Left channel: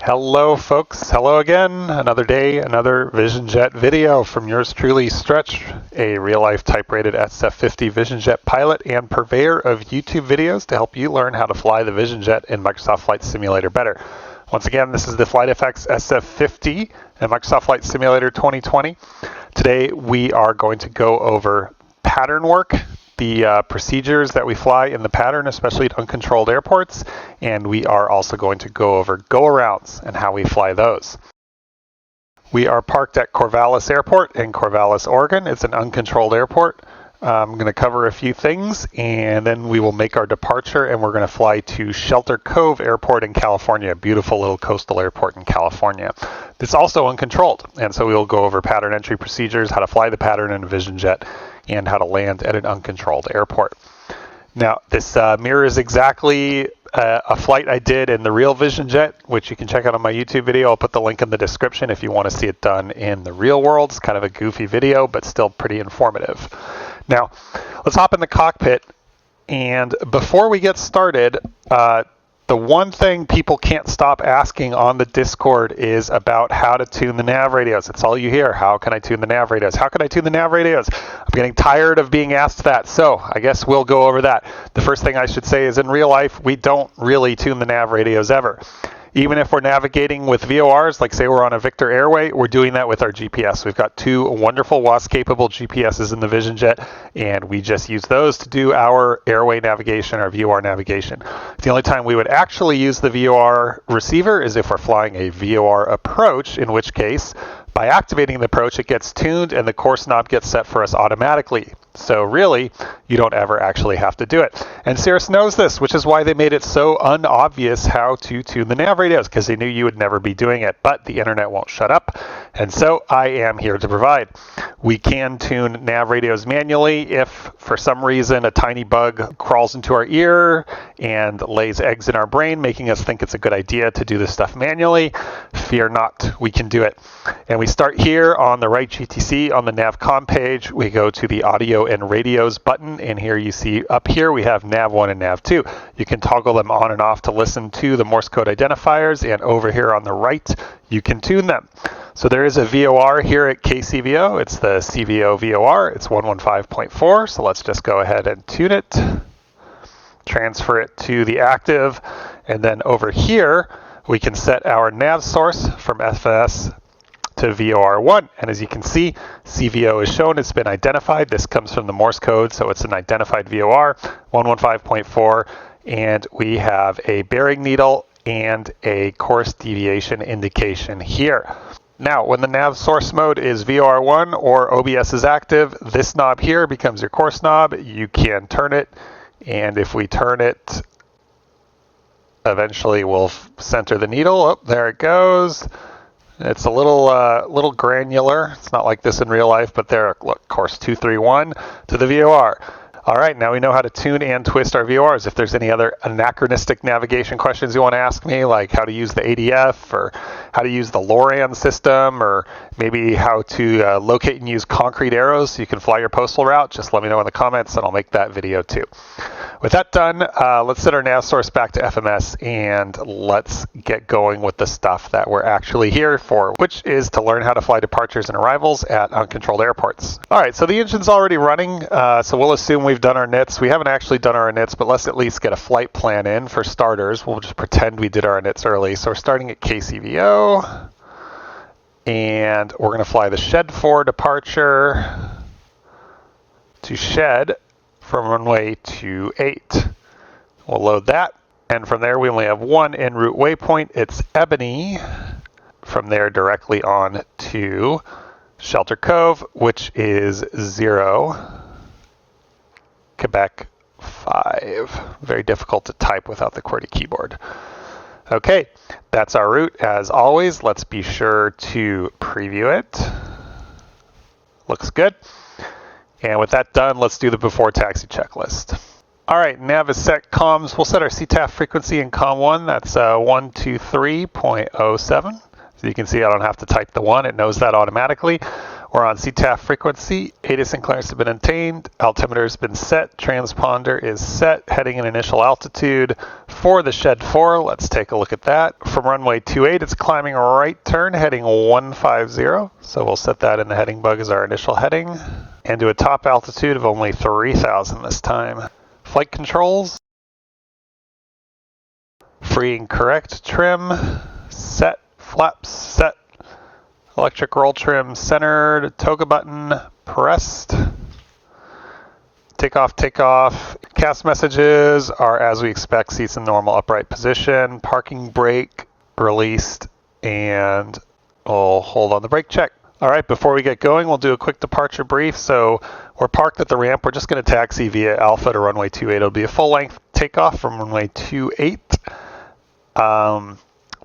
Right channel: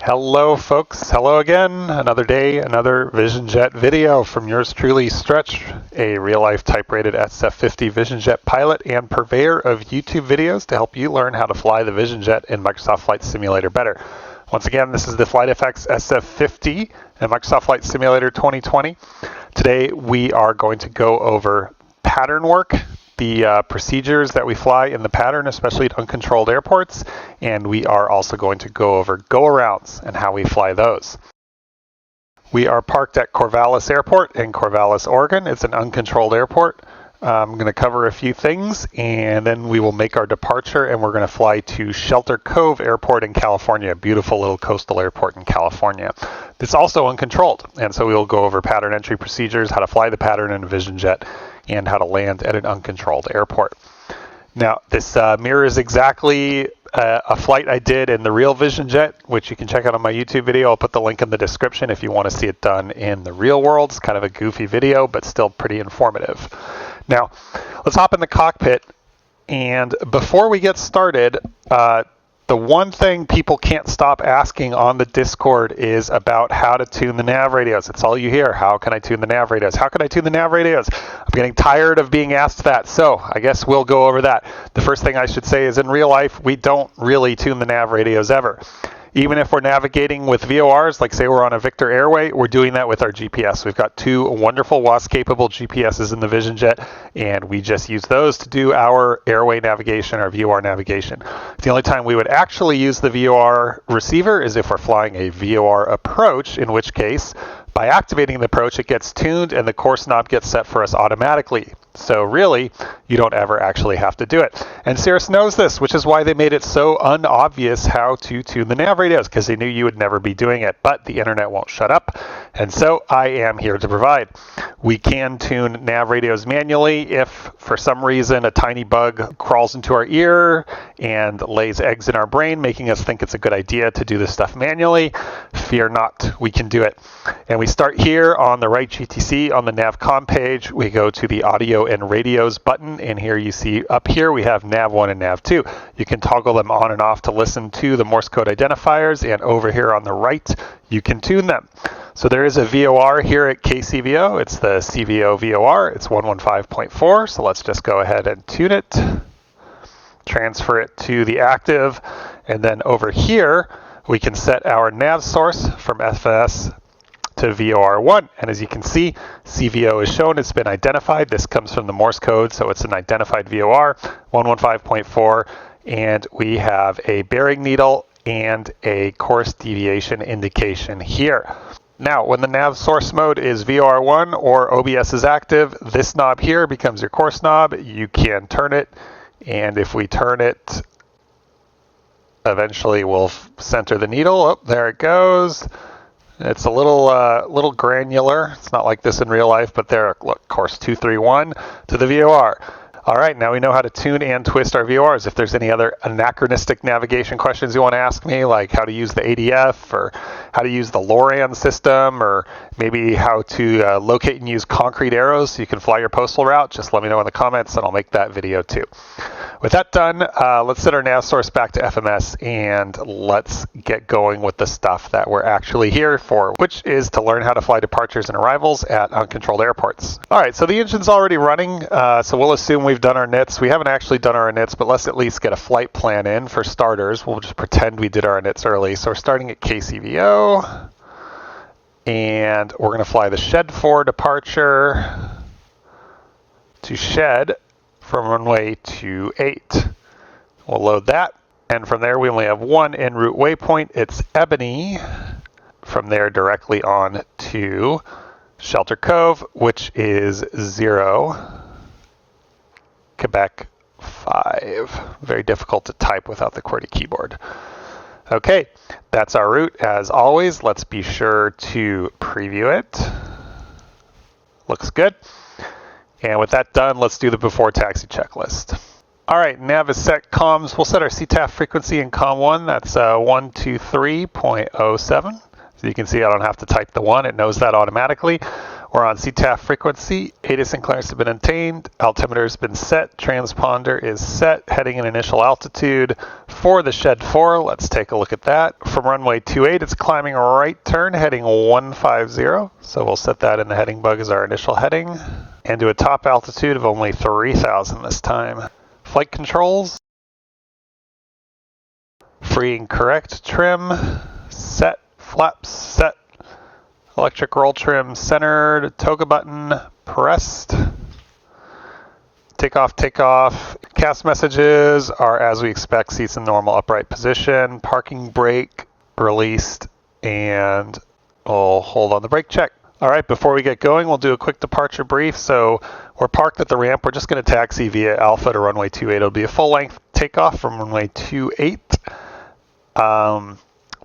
Hello folks, hello again. Another day, another Vision Jet video from yours truly, Stretch, a real-life type-rated SF50 Vision Jet pilot and purveyor of YouTube videos to help you learn how to fly the Vision Jet in Microsoft Flight Simulator better. Once again, this is the FlightFX SF50 and Microsoft Flight Simulator 2020. Today we are going to go over pattern work, the procedures that we fly in the pattern, especially at uncontrolled airports, and we are also going to go over go-arounds and how we fly those. We are parked at Corvallis Airport in Corvallis, Oregon. It's an uncontrolled airport. I'm going to cover a few things, and then we will make our departure, and we're going to fly to Shelter Cove Airport in California, a beautiful little coastal airport in California. It's also uncontrolled, and so we will go over pattern entry procedures, how to fly the pattern in a Vision Jet, and how to land at an uncontrolled airport. Now, this mirrors exactly a flight I did in the real Vision Jet, which you can check out on my YouTube video. I'll put the link in the description if you want to see it done in the real world. It's kind of a goofy video, but still pretty informative. Now, let's hop in the cockpit, and before we get started, the one thing people can't stop asking on the Discord is about how to tune the nav radios. It's all you hear. How can I tune the nav radios? How can I tune the nav radios? I'm getting tired of being asked that, so I guess we'll go over that. The first thing I should say is in real life, we don't really tune the nav radios ever. Even if we're navigating with VORs, like say we're on a Victor Airway, we're doing that with our GPS. We've got two wonderful WAAS-capable GPSs in the Vision Jet, and we just use those to do our airway navigation, our VOR navigation. The only time we would actually use the VOR receiver is if we're flying a VOR approach, in which case, by activating the approach, it gets tuned and the course knob gets set for us automatically. So really, you don't ever actually have to do it. And Cirrus knows this, which is why they made it so unobvious how to tune the nav radios, because they knew you would never be doing it, but the internet won't shut up. And so I am here to provide. We can tune nav radios manually if for some reason a tiny bug crawls into our ear and lays eggs in our brain, making us think it's a good idea to do this stuff manually. Fear not, we can do it. And we start here on the right GTC on the NavCom page. We go to the audio and radios button, and here you see up here we have nav1 and nav2. You can toggle them on and off to listen to the Morse code identifiers, and over here on the right you can tune them. So there is a VOR here at KCVO. It's the CVO VOR. It's 115.4, so let's just go ahead and tune it, transfer it to the active, and then over here we can set our nav source from FS to VOR1, and as you can see, CVO is shown. It's been identified. This comes from the Morse code, so it's an identified VOR, 115.4, and we have a bearing needle and a course deviation indication here. Now, when the nav source mode is VOR1 or OBS is active, this knob here becomes your course knob. You can turn it, and if we turn it, eventually we'll center the needle. Oh, there it goes. It's a little granular. It's not like this in real life, but there, look, course 231 to the VOR. All right, now we know how to tune and twist our VORs. If there's any other anachronistic navigation questions you want to ask me, like how to use the ADF or how to use the LORAN system, or maybe how to locate and use concrete arrows so you can fly your postal route, just let me know in the comments and I'll make that video too. With that done, let's set our nav source back to FMS and let's get going with the stuff that we're actually here for, which is to learn how to fly departures and arrivals at uncontrolled airports. All right, so the engine's already running, so we'll assume we've done our inits. We haven't actually done our inits, but let's at least get a flight plan in for starters. We'll just pretend we did our inits early. So we're starting at KCVO, and we're going to fly the Shed 4 departure to Shed from runway 28. We'll load that, and from there we only have one en route waypoint. It's Ebony. From there directly on to Shelter Cove, which is 0, Quebec 5. Very difficult to type without the QWERTY keyboard. Okay, that's our route. As always, let's be sure to preview it. Looks good. And with that done, let's do the before taxi checklist. All right, nav is set comms. We'll set our CTAF frequency in COM 1. That's 123.07. So you can see I don't have to type the 1. It knows that automatically. We're on CTAF frequency, ATIS and clearance have been obtained, altimeter has been set, transponder is set, heading and initial altitude for the Shed 4. Let's take a look at that. From runway 28, it's climbing right turn, heading 150. So we'll set that in the heading bug as our initial heading, and to a top altitude of only 3,000 this time. Flight controls, free and correct trim, set, flaps set, electric roll trim centered, toga button pressed. Takeoff, takeoff. CAS messages are as we expect, seats in normal upright position, parking brake released, and we'll hold on the brake check. All right, before we get going, we'll do a quick departure brief. So we're parked at the ramp. We're just going to taxi via Alpha to runway 28. It'll be a full-length takeoff from runway 28.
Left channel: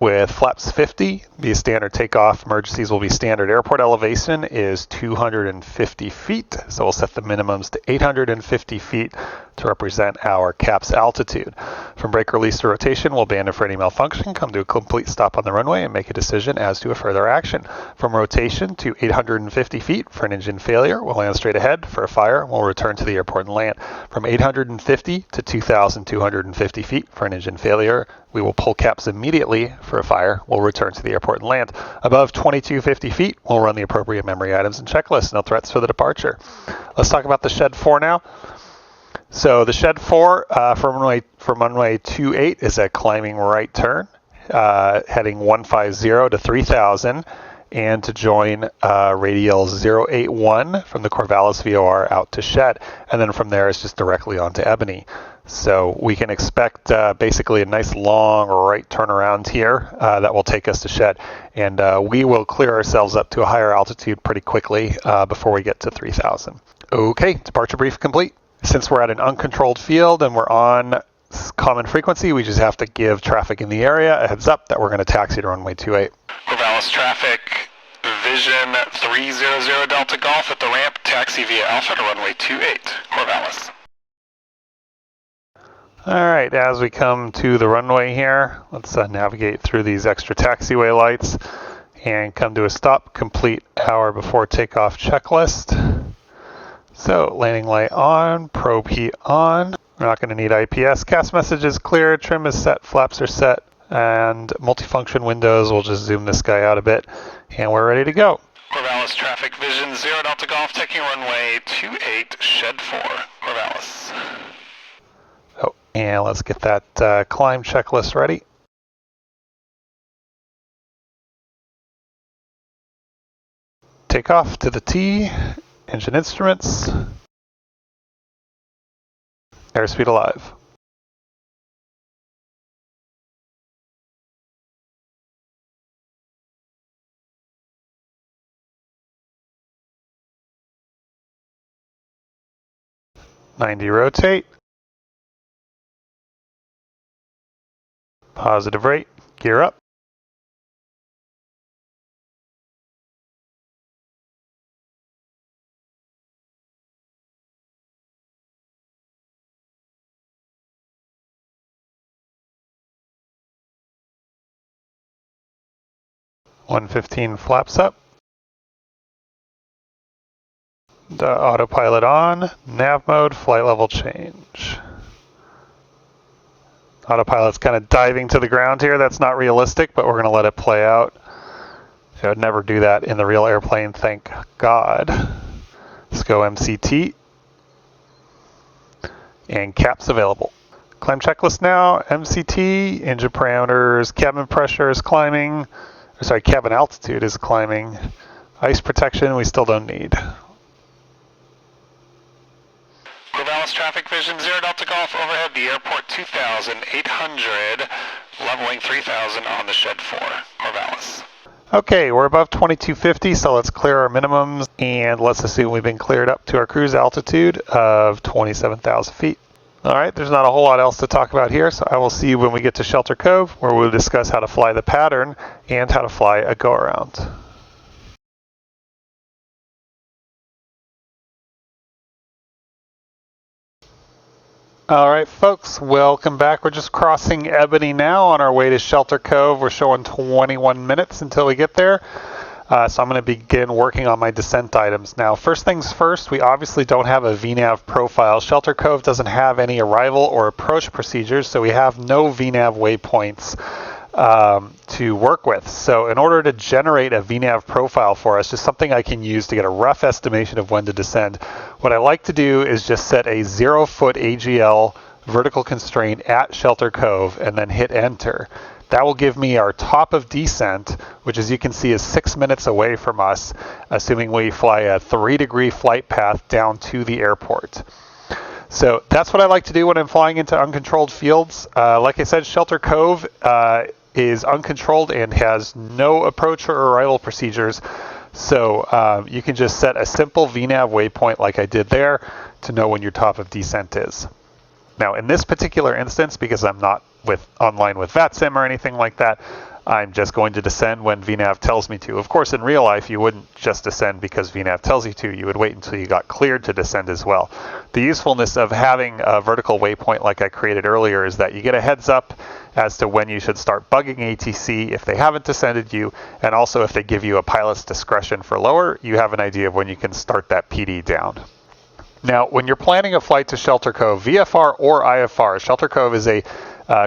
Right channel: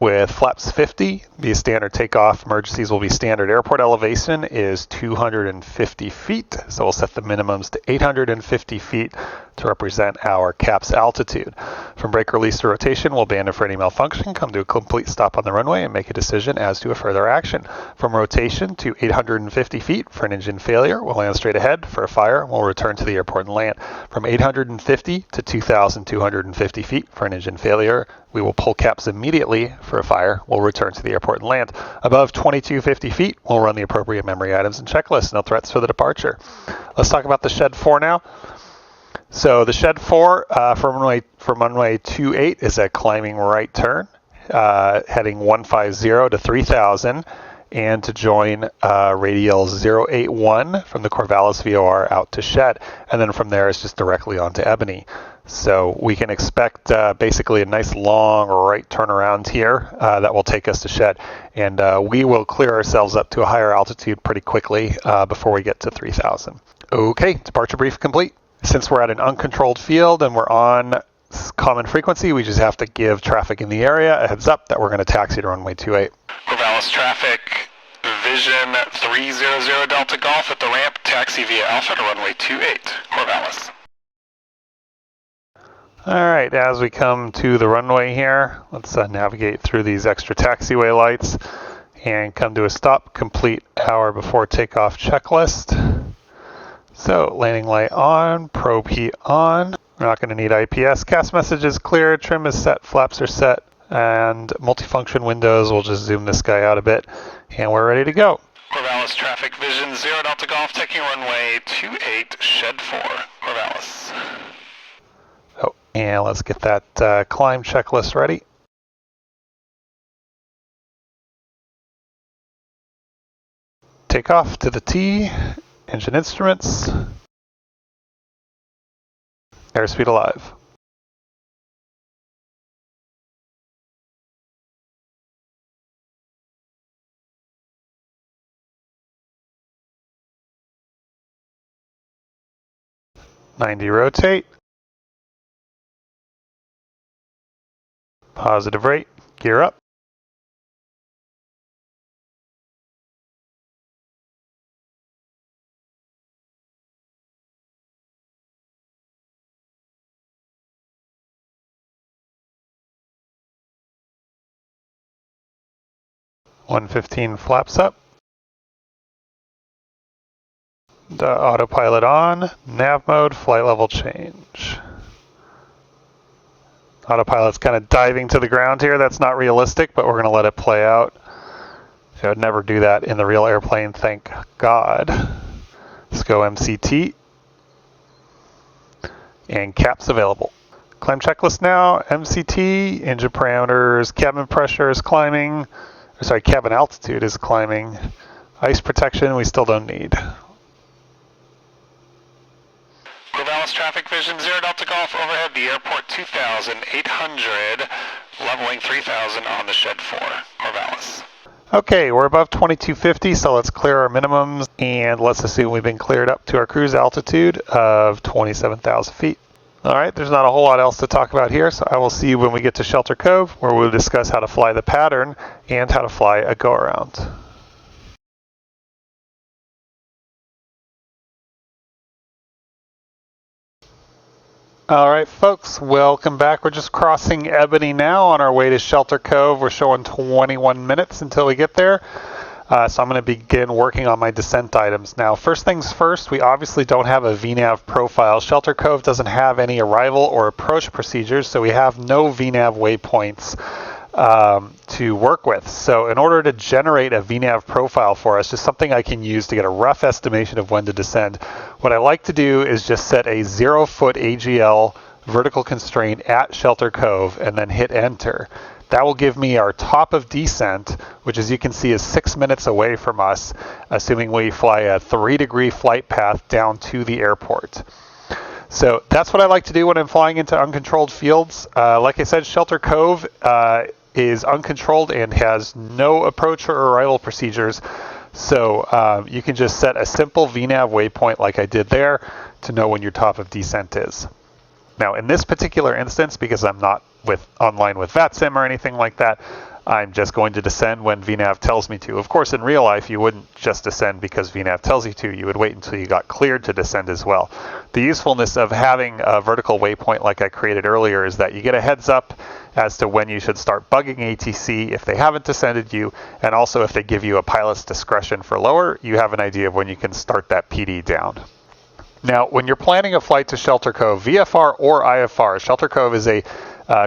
With flaps 50, be a standard takeoff. Emergencies will be standard. Airport elevation is 250 feet, so we'll set the minimums to 850 feet to represent our CAPS altitude. From brake release to rotation, we'll abandon for any malfunction, come to a complete stop on the runway, and make a decision as to a further action. From rotation to 850 feet for an engine failure, we'll land straight ahead. For a fire, we'll return to the airport and land. From 850 to 2,250 feet for an engine failure, we will pull CAPS immediately. For a fire, we'll return to the airport and land. Above 2,250 feet, we'll run the appropriate memory items and checklists. No threats for the departure. Let's talk about the Shed 4 now. So the Shed 4 from runway 28 is a climbing right turn, heading 150 to 3,000, and to join radial 081 from the Corvallis VOR out to Shed. And then from there, it's just directly onto Ebony. So we can expect basically a nice long right turnaround here that will take us to Shed. And we will clear ourselves up to a higher altitude pretty quickly before we get to 3,000. Okay, departure brief complete. Since we're at an uncontrolled field and we're on common frequency, we just have to give traffic in the area a heads up that we're going to taxi to runway 28. Corvallis traffic, Vision 300 Delta Golf at the ramp, taxi via Alpha to runway 28, Corvallis. All right, as we come to the runway here, let's navigate through these extra taxiway lights and come to a stop, complete our before takeoff checklist. So landing light on, probe heat on. We're not going to need IPS. CAS message is clear, trim is set, flaps are set, and multifunction windows, we'll just zoom this guy out a bit, and we're ready to go. Corvallis traffic, Vision 0 Delta Golf, taking runway 28, Shed 4, Corvallis. Oh, and let's get that climb checklist ready. Takeoff to the T, engine instruments, airspeed alive. '90 rotate. Positive rate, gear up. '115 flaps up. The autopilot on, nav mode, flight level change. Autopilot's kind of diving to the ground here. That's not realistic, but we're going to let it play out. I would never do that in the real airplane, thank God. Let's go MCT. And CAPS available. Climb checklist now, MCT, engine parameters, cabin pressure is climbing. Sorry, cabin altitude is climbing. Ice protection, we still don't need. Corvallis traffic, Vision 0 Delta Golf, overhead the airport 2,800, leveling 3,000 on the Shed 4, Corvallis. Okay, we're above 2250, so let's clear our minimums, and let's assume we've been cleared up to our cruise altitude of 27,000 feet. All right, there's not a whole lot else to talk about here, so I will see you when we get to Shelter Cove, where we'll discuss how to fly the pattern and how to fly a go-around. All right, folks, welcome back. We're just crossing Ebony now on our way to Shelter Cove. We're showing 21 minutes until we get there. So I'm going to begin working on my descent items. Now, first things first, we obviously don't have a VNAV profile. Shelter Cove doesn't have any arrival or approach procedures, so we have no VNAV waypoints to work with. So in order to generate a VNAV profile for us, just something I can use to get a rough estimation of when to descend, what I like to do is just set a 0-foot AGL vertical constraint at Shelter Cove and then hit enter. That will give me our top of descent, which as you can see is 6 minutes away from us, assuming we fly a 3-degree flight path down to the airport. So that's what I like to do when I'm flying into uncontrolled fields. Like I said, Shelter Cove is uncontrolled and has no approach or arrival procedures. So you can just set a simple VNAV waypoint like I did there to know when your top of descent is. Now in this particular instance, because I'm not online with VATSIM or anything like that, I'm just going to descend when VNAV tells me to. Of course, in real life, you wouldn't just descend because VNAV tells you to. You would wait until you got cleared to descend as well. The usefulness of having a vertical waypoint like I created earlier is that you get a heads up as to when you should start bugging ATC if they haven't descended you, and also if they give you a pilot's discretion for lower, you have an idea of when you can start that PD down. Now, when you're planning a flight to Shelter Cove, VFR or IFR, Shelter Cove is a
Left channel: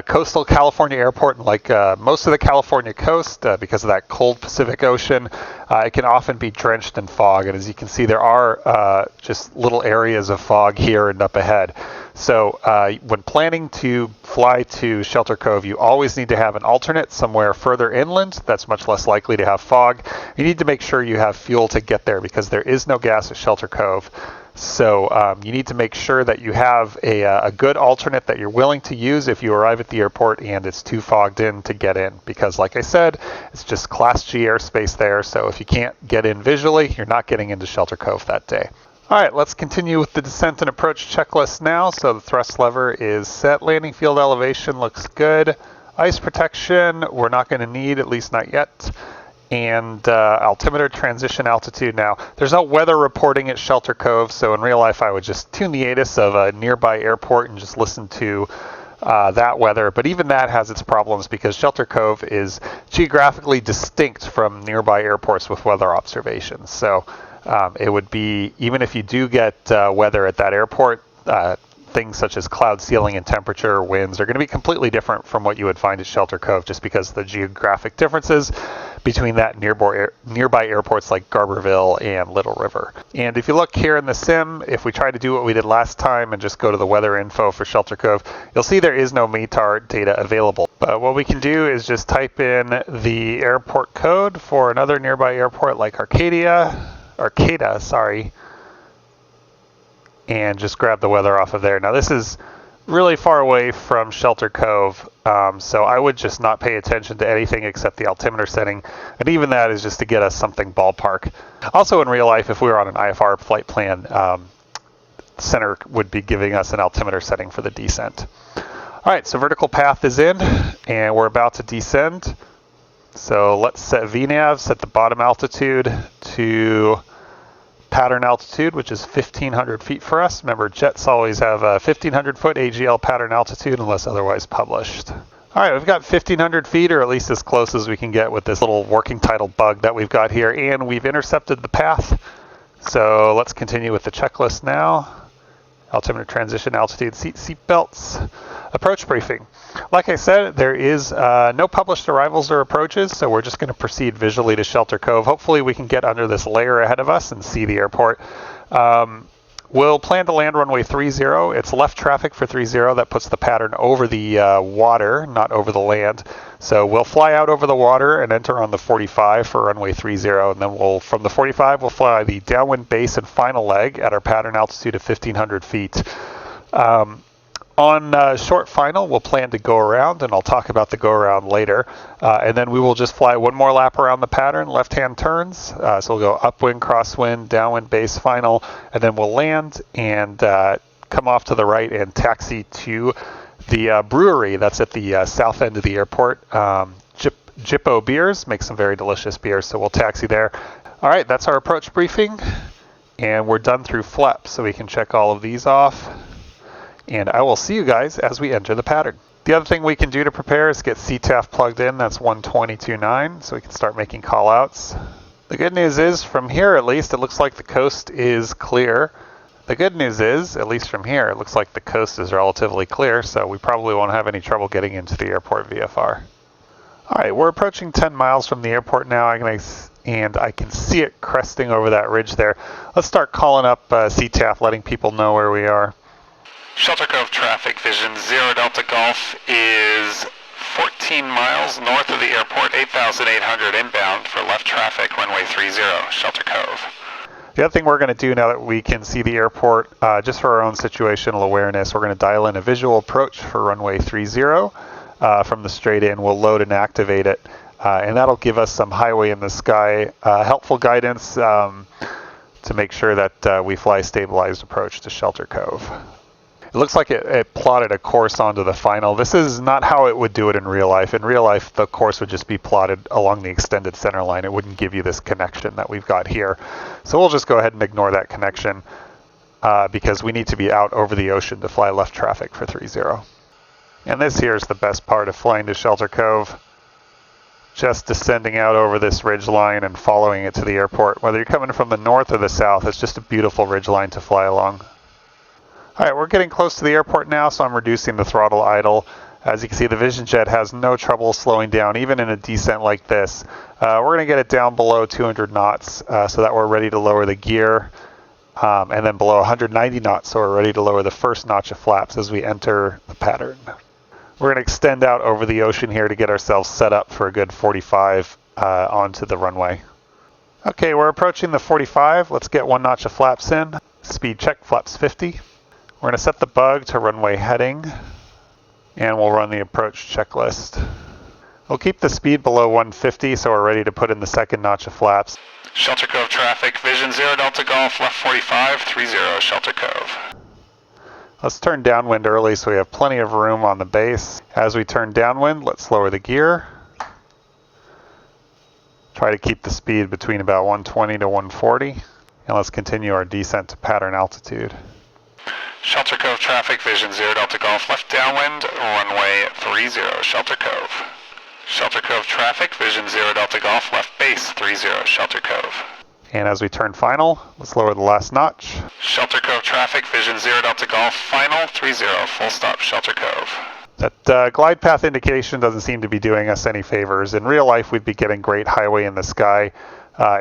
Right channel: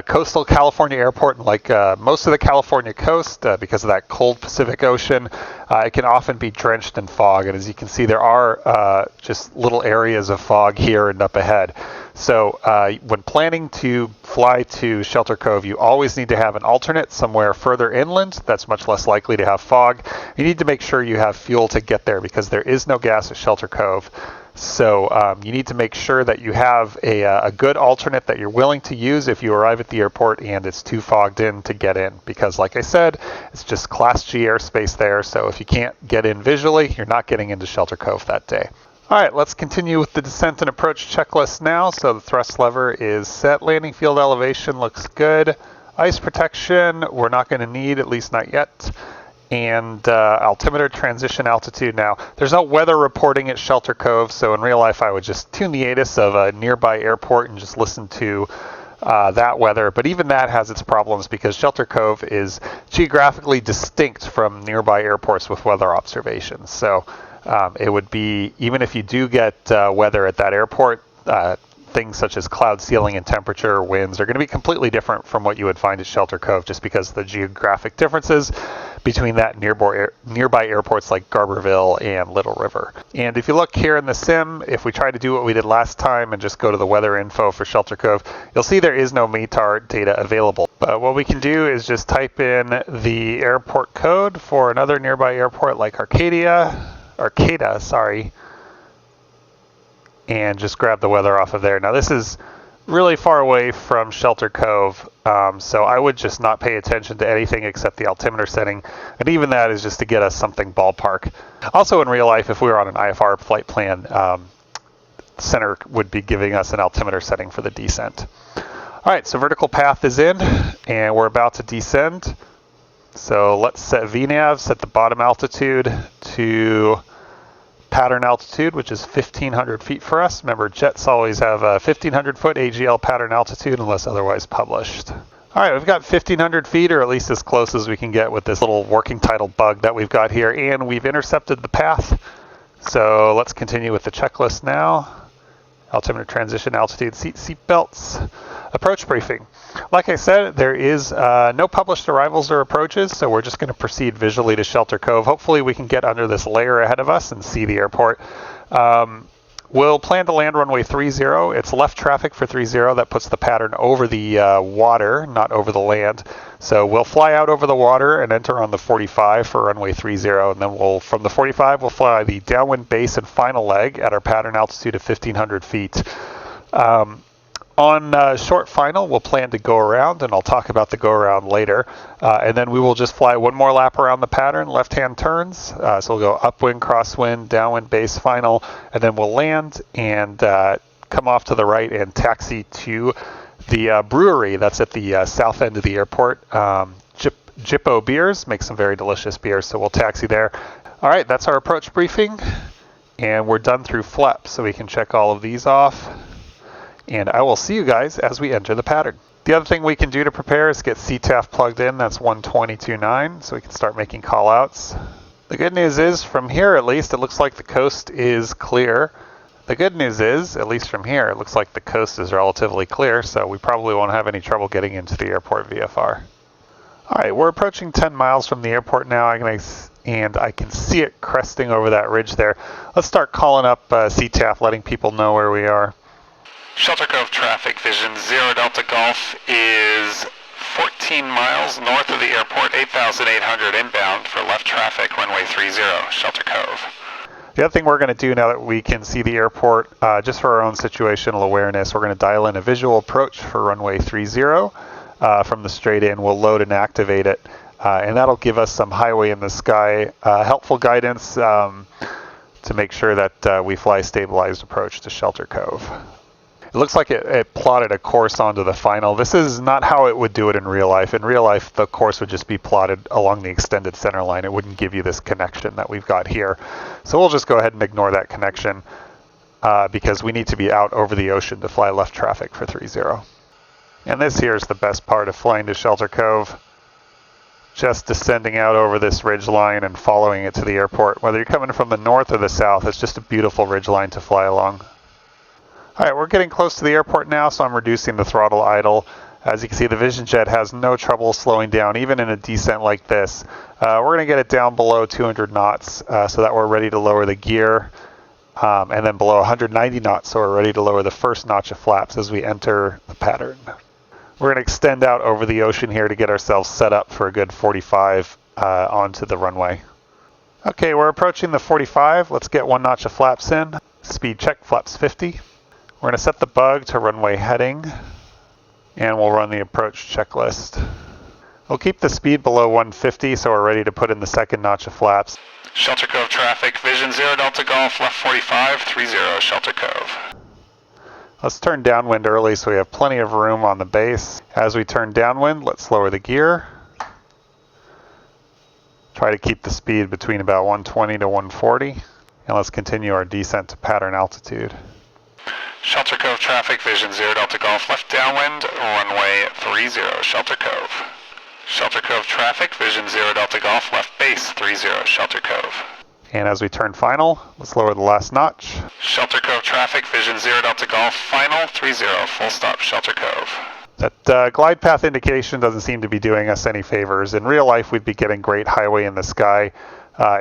coastal California airport, and like most of the California coast, because of that cold Pacific Ocean, it can often be drenched in fog. And as you can see, there are just little areas of fog here and up ahead. So when planning to fly to Shelter Cove, you always need to have an alternate somewhere further inland that's much less likely to have fog. You need to make sure you have fuel to get there because there is no gas at Shelter Cove. So you need to make sure that you have a good alternate that you're willing to use if you arrive at the airport and it's too fogged in to get in. Because like I said, it's just Class G airspace there. So if you can't get in visually, you're not getting into Shelter Cove that day. All right, let's continue with the descent and approach checklist now. So the thrust lever is set. Landing field elevation looks good. Ice protection, we're not going to need, at least not yet. And altimeter transition altitude. Now, there's no weather reporting at Shelter Cove, so in real life I would just tune the ATIS of a nearby airport and just listen to that weather. But even that has its problems because Shelter Cove is geographically distinct from nearby airports with weather observations. So it would be, even if you do get weather at that airport, things such as cloud ceiling and temperature, winds are going to be completely different from what you would find at Shelter Cove just because of the geographic differences between that nearby airports like Garberville and Little River. And if you look here in the sim, if we try to do what we did last time and just go to the weather info for Shelter Cove, you'll see there is no METAR data available. But what we can do is just type in the airport code for another nearby airport like Arcata, and just grab the weather off of there. Now this is really far away from Shelter Cove, so I would just not pay attention to anything except the altimeter setting, and even that is just to get us something ballpark. Also in real life, if we were on an IFR flight plan, center would be giving us an altimeter setting for the descent. All right, so vertical path is in, and we're about to descend. So let's set VNAV, set the bottom altitude to pattern altitude, which is 1,500 feet for us. Remember, jets always have a 1,500 foot AGL pattern altitude unless otherwise published. All right, we've got 1,500 feet, or at least as close as we can get with this little working title bug that we've got here, and we've intercepted the path. So let's continue with the checklist now. Altimeter transition, altitude, seat belts. Approach briefing. Like I said, there is no published arrivals or approaches, so we're just going to proceed visually to Shelter Cove. Hopefully we can get under this layer ahead of us and see the airport. We'll plan to land runway 30. It's left traffic for 30. That puts the pattern over the water, not over the land. So we'll fly out over the water and enter on the 45 for runway 30. And then from the 45, we'll fly the downwind base and final leg at our pattern altitude of 1,500 feet. On short final, we'll plan to go around, and I'll talk about the go around later. And then we will just fly one more lap around the pattern, left-hand turns. So we'll go upwind, crosswind, downwind, base, final, and then we'll land and come off to the right and taxi to the brewery that's at the south end of the airport. Jippo Beers makes some very delicious beers, so we'll taxi there. All right, that's our approach briefing, and we're done through FLEP, so we can check all of these off. And I will see you guys as we enter the pattern. The other thing we can do to prepare is get CTAF plugged in. That's 122.9, so we can start making call outs. The good news is, from here at least, it looks like the coast is clear. The good news is, at least from here, it looks like the coast is relatively clear, so we probably won't have any trouble getting into the airport VFR. All right, we're approaching 10 miles from the airport now, and I can see it cresting over that ridge there. Let's start calling up CTAF, letting people know where we are. Shelter Cove traffic, Vision 0 Delta Golf is 14 miles north of the airport, 8,800 inbound for left traffic, runway 30, Shelter Cove. The other thing we're going to do now that we can see the airport, just for our own situational awareness, we're going to dial in a visual approach for runway 30 from the straight in. We'll load and activate it, and that'll give us some highway in the sky, helpful guidance to make sure that we fly stabilized approach to Shelter Cove. It looks like it plotted a course onto the final. This is not how it would do it in real life. In real life, the course would just be plotted along the extended center line. It wouldn't give you this connection that we've got here. So we'll just go ahead and ignore that connection because we need to be out over the ocean to fly left traffic for 30. And this here is the best part of flying to Shelter Cove. Just descending out over this ridge line and following it to the airport. Whether you're coming from the north or the south, it's just a beautiful ridge line to fly along. All right, we're getting close to the airport now, so I'm reducing the throttle idle. As you can see, the Vision Jet has no trouble slowing down, even in a descent like this. We're going to get it down below 200 knots so that we're ready to lower the gear, and then below 190 knots so we're ready to lower the first notch of flaps as we enter the pattern. We're going to extend out over the ocean here to get ourselves set up for a good 45 onto the runway. Okay, we're approaching the 45. Let's get one notch of flaps in. Speed check, flaps 50. We're going to set the bug to runway heading, and we'll run the approach checklist. We'll keep the speed below 150 so we're ready to put in the second notch of flaps. Shelter Cove traffic, Vision 0 Delta Golf, left 45, 30, Shelter Cove. Let's turn downwind early so we have plenty of room on the base. As we turn downwind, let's lower the gear. Try to keep the speed between about 120 to 140, and let's continue our descent to pattern altitude. Shelter Cove traffic, Vision 0 Delta Golf, left downwind, runway 30, Shelter Cove. Shelter Cove traffic, Vision 0 Delta Golf, left base 30, Shelter Cove. And as we turn final, let's lower the last notch. Shelter Cove traffic, Vision 0 Delta Golf, final 30, full stop, Shelter Cove. That glide path indication doesn't seem to be doing us any favors. In real life, we'd be getting great highway in the sky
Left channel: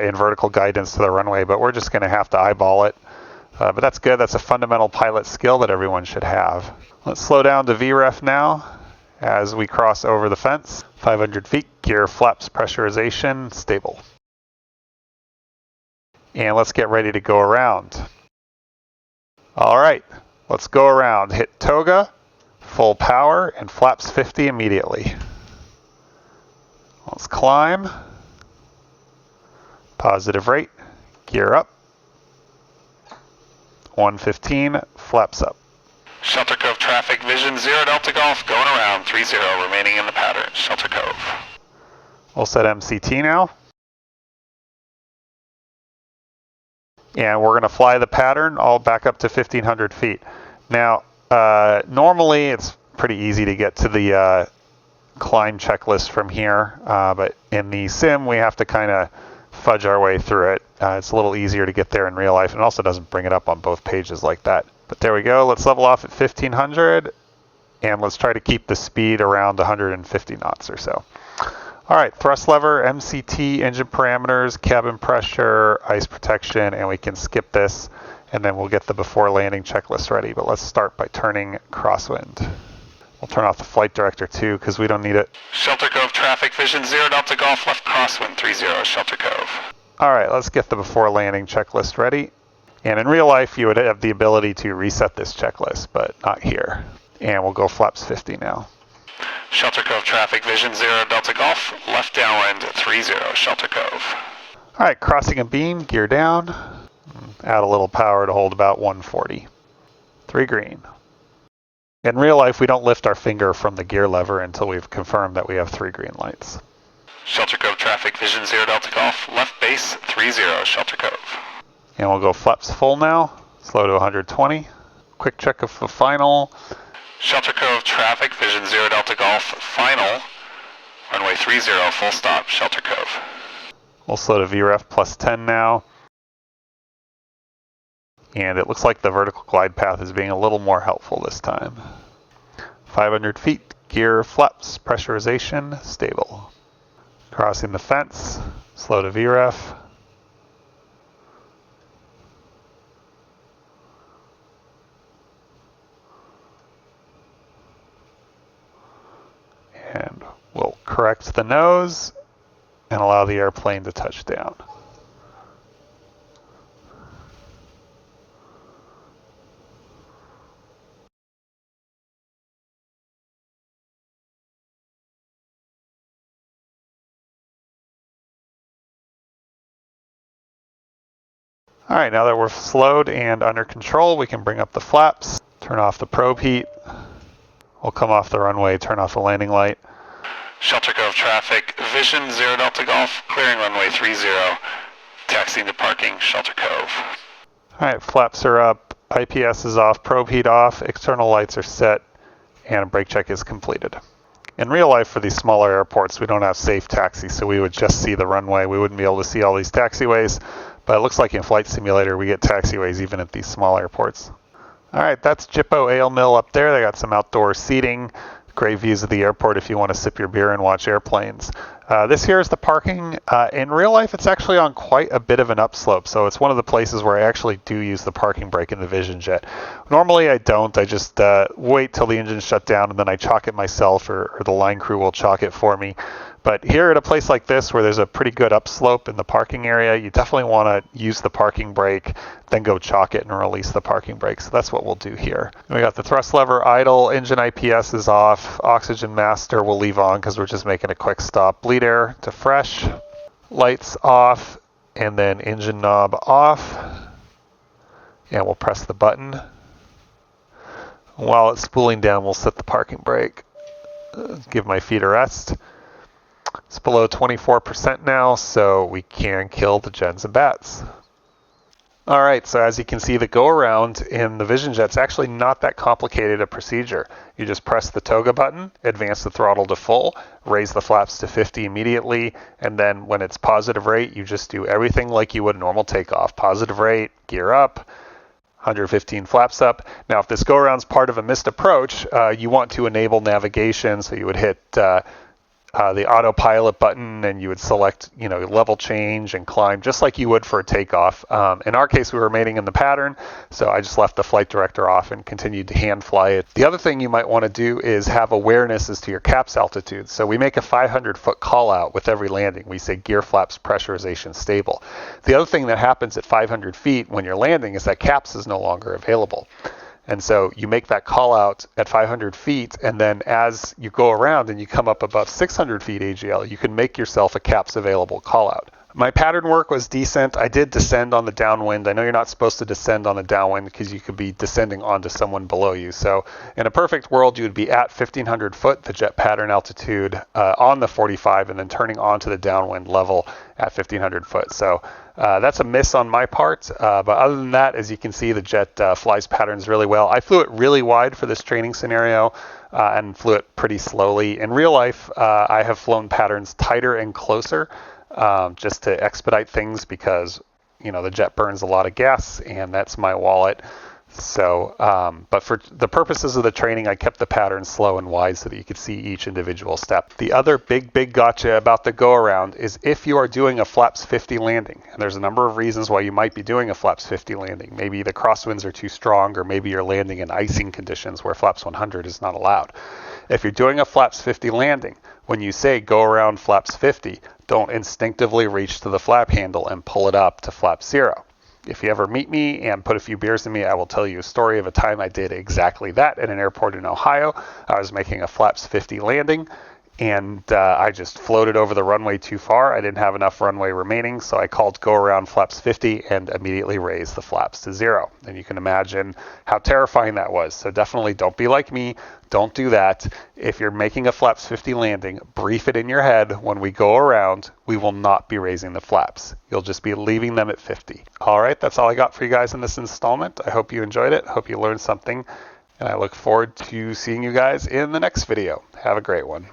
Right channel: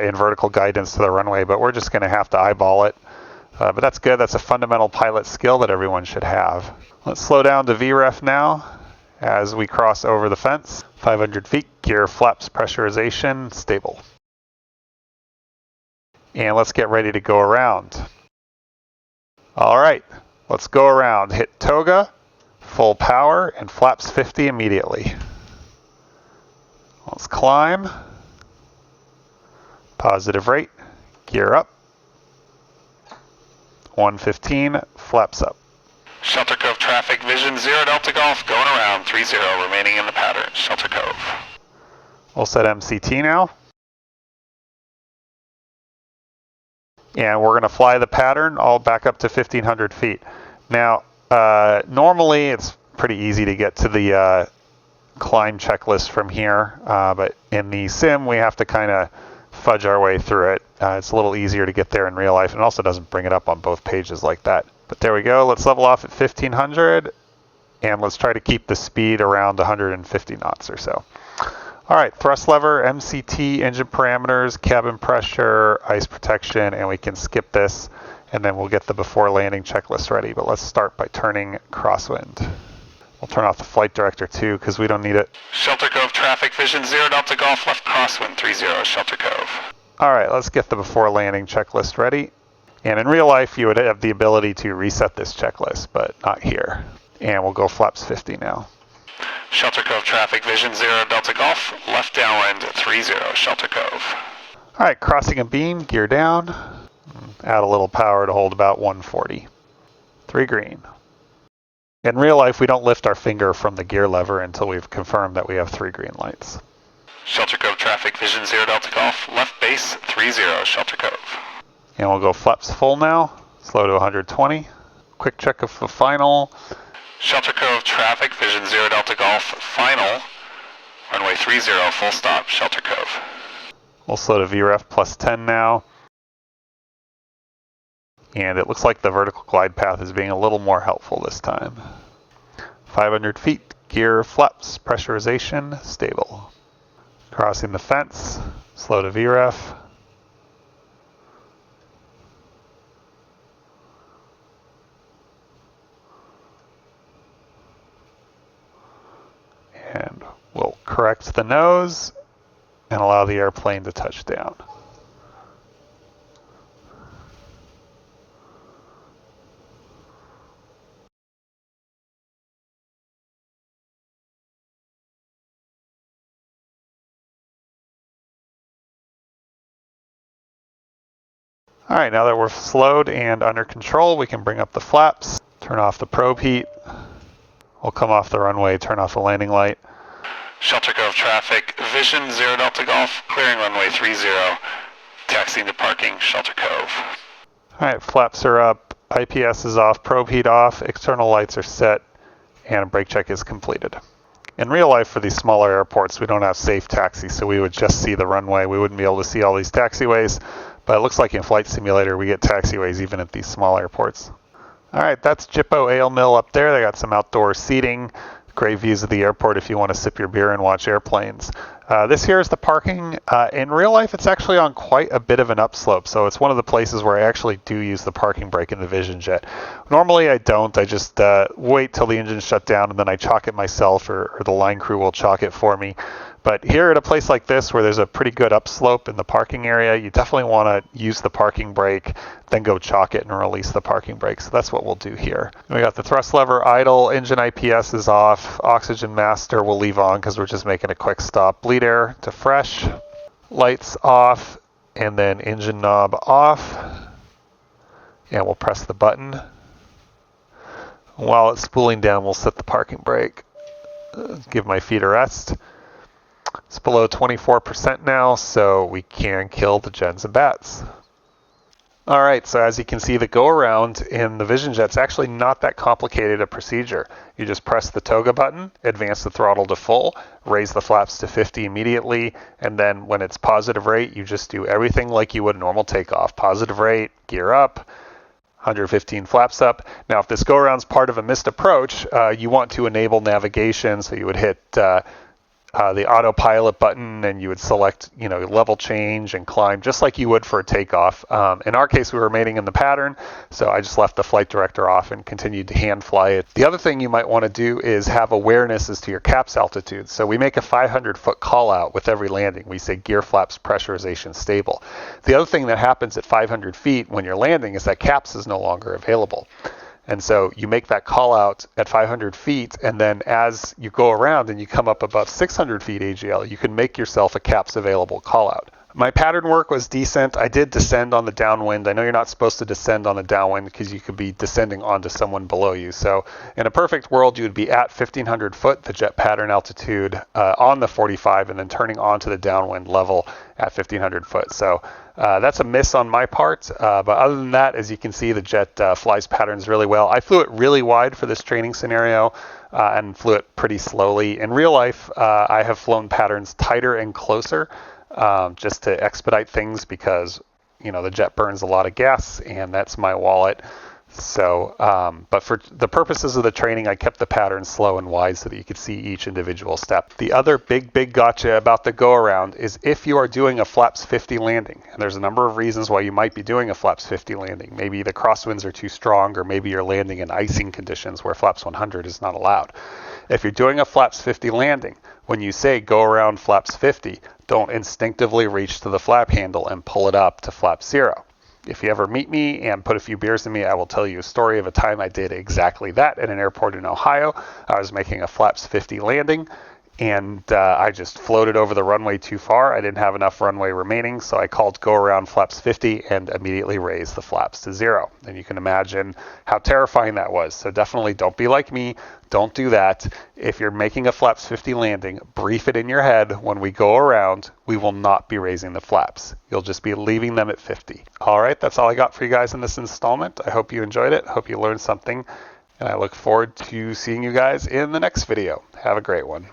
in vertical guidance to the runway, but we're just going to have to eyeball it. But that's good. That's a fundamental pilot skill that everyone should have. Let's slow down to VREF now as we cross over the fence. 500 feet, gear flaps pressurization, stable. And let's get ready to go around. All right, let's go around. Hit toga, full power, and flaps 50 immediately. Let's climb. Positive rate, gear up. 115, flaps up. Shelter Cove traffic, Vision 0 Delta Golf, going around, 30, remaining in the pattern, Shelter Cove. We'll set MCT now. And we're going to fly the pattern all back up to 1,500 feet. Now, normally it's pretty easy to get to the climb checklist from here, but in the sim we have to kind of fudge our way through it. It's a little easier to get there in real life, and it also doesn't bring it up on both pages like that. But there we go. Let's level off at 1,500, and let's try to keep the speed around 150 knots or so. All right, thrust lever, MCT, engine parameters, cabin pressure, ice protection, and we can skip this, and then we'll get the before landing checklist ready. But let's start by turning crosswind. We'll turn off the flight director too, because we don't need it. Shelter Cove traffic, Vision 0 Delta Golf, left crosswind 30, Shelter Cove. All right, let's get the before landing checklist ready. And in real life, you would have the ability to reset this checklist, but not here. And we'll go flaps 50 now. Shelter Cove traffic, Vision 0 Delta Golf, left downwind 30, Shelter Cove. All right, crossing a beam, gear down. Add a little power to hold about 140. 3 green. In real life, we don't lift our finger from the gear lever until we've confirmed that we have 3 green lights. Shelter Cove traffic, Vision 0 Delta Golf, left base 30, Shelter Cove. And we'll go flaps full now, slow to 120. Quick check of the final. Shelter Cove traffic, Vision 0 Delta Golf, final, runway 30, full stop, Shelter Cove. We'll slow to VREF plus 10 now. And it looks like the vertical glide path is being a little more helpful this time. 500 feet, gear flaps, pressurization, stable. Crossing the fence, slow to VREF. And we'll correct the nose and allow the airplane to touch down. All right, now that we're slowed and under control, we can bring up the flaps, turn off the probe heat. We'll come off the runway, turn off the landing light. Shelter Cove traffic, Vision 0 Delta Golf, clearing runway 30, taxiing to parking, Shelter Cove. All right, flaps are up, IPS is off, probe heat off, external lights are set, and brake check is completed. In real life, for these smaller airports, we don't have safe taxi, so we would just see the runway. We wouldn't be able to see all these taxiways, but it looks like in Flight Simulator, we get taxiways even at these small airports. All right, that's Jippo Ale Mill up there. They got some outdoor seating, great views of the airport if you want to sip your beer and watch airplanes. This here is the parking. In real life, it's actually on quite a bit of an upslope, so it's one of the places where I actually do use the parking brake in the Vision Jet. Normally I don't. I just wait till the engine's shut down and then I chalk it myself, or the line crew will chalk it for me. But here at a place like this where there's a pretty good upslope in the parking area, you definitely want to use the parking brake, then go chalk it and release the parking brake. So that's what we'll do here. We got the thrust lever idle, engine IPS is off, oxygen master we'll leave on because we're just making a quick stop. Bleed air to fresh, lights off, and then engine knob off. And we'll press the button. While it's spooling down, we'll set the parking brake. Give my feet a rest. It's below 24% now, so we can kill the gens and bats. All right, so as you can see, the go-around in the Vision Jet's actually not that complicated a procedure. You just press the toga button, advance the throttle to full, raise the flaps to 50 immediately, and then when it's positive rate, you just do everything like you would normal takeoff. Positive rate, gear up, 115 flaps up. Now, if this go-around's part of a missed approach, you want to enable navigation, so you would hit the autopilot button and you would select, level change and climb just like you would for a takeoff. In our case, we were remaining in the pattern, so I just left the flight director off and continued to hand fly it. The other thing you might want to do is have awareness as to your CAPS altitude. So we make a 500-foot call out with every landing. We say gear flaps, pressurization, stable. The other thing that happens at 500 feet when you're landing is that CAPS is no longer available. And so you make that call out at 500 feet, and then as you go around and you come up above 600 feet AGL, you can make yourself a CAPS available call out. My pattern work was decent. I did descend on the downwind. I know you're not supposed to descend on the downwind because you could be descending onto someone below you. So in a perfect world, you would be at 1,500 foot, the jet pattern altitude, on the 45, and then turning onto the downwind level at 1,500 foot. So that's a miss on my part, but other than that, as you can see, the jet flies patterns really well. I flew it really wide for this training scenario and flew it pretty slowly. In real life, I have flown patterns tighter and closer just to expedite things because, the jet burns a lot of gas and that's my wallet. So, but for the purposes of the training, I kept the pattern slow and wide so that you could see each individual step. The other big gotcha about the go-around is if you are doing a flaps 50 landing, and there's a number of reasons why you might be doing a flaps 50 landing. Maybe the crosswinds are too strong, or maybe you're landing in icing conditions where flaps 100 is not allowed. If you're doing a flaps 50 landing, when you say go around flaps 50, don't instinctively reach to the flap handle and pull it up to flap 0. If you ever meet me and put a few beers in me, I will tell you a story of a time I did exactly that at an airport in Ohio. I was making a flaps 50 landing, and I just floated over the runway too far. I didn't have enough runway remaining, so I called go around flaps 50 and immediately raised the flaps to 0. And you can imagine how terrifying that was. So definitely don't be like me. Don't do that. If you're making a flaps 50 landing, brief it in your head. When we go around, we will not be raising the flaps. You'll just be leaving them at 50. All right, that's all I got for you guys in this installment. I hope you enjoyed it. I hope you learned something. And I look forward to seeing you guys in the next video. Have a great one.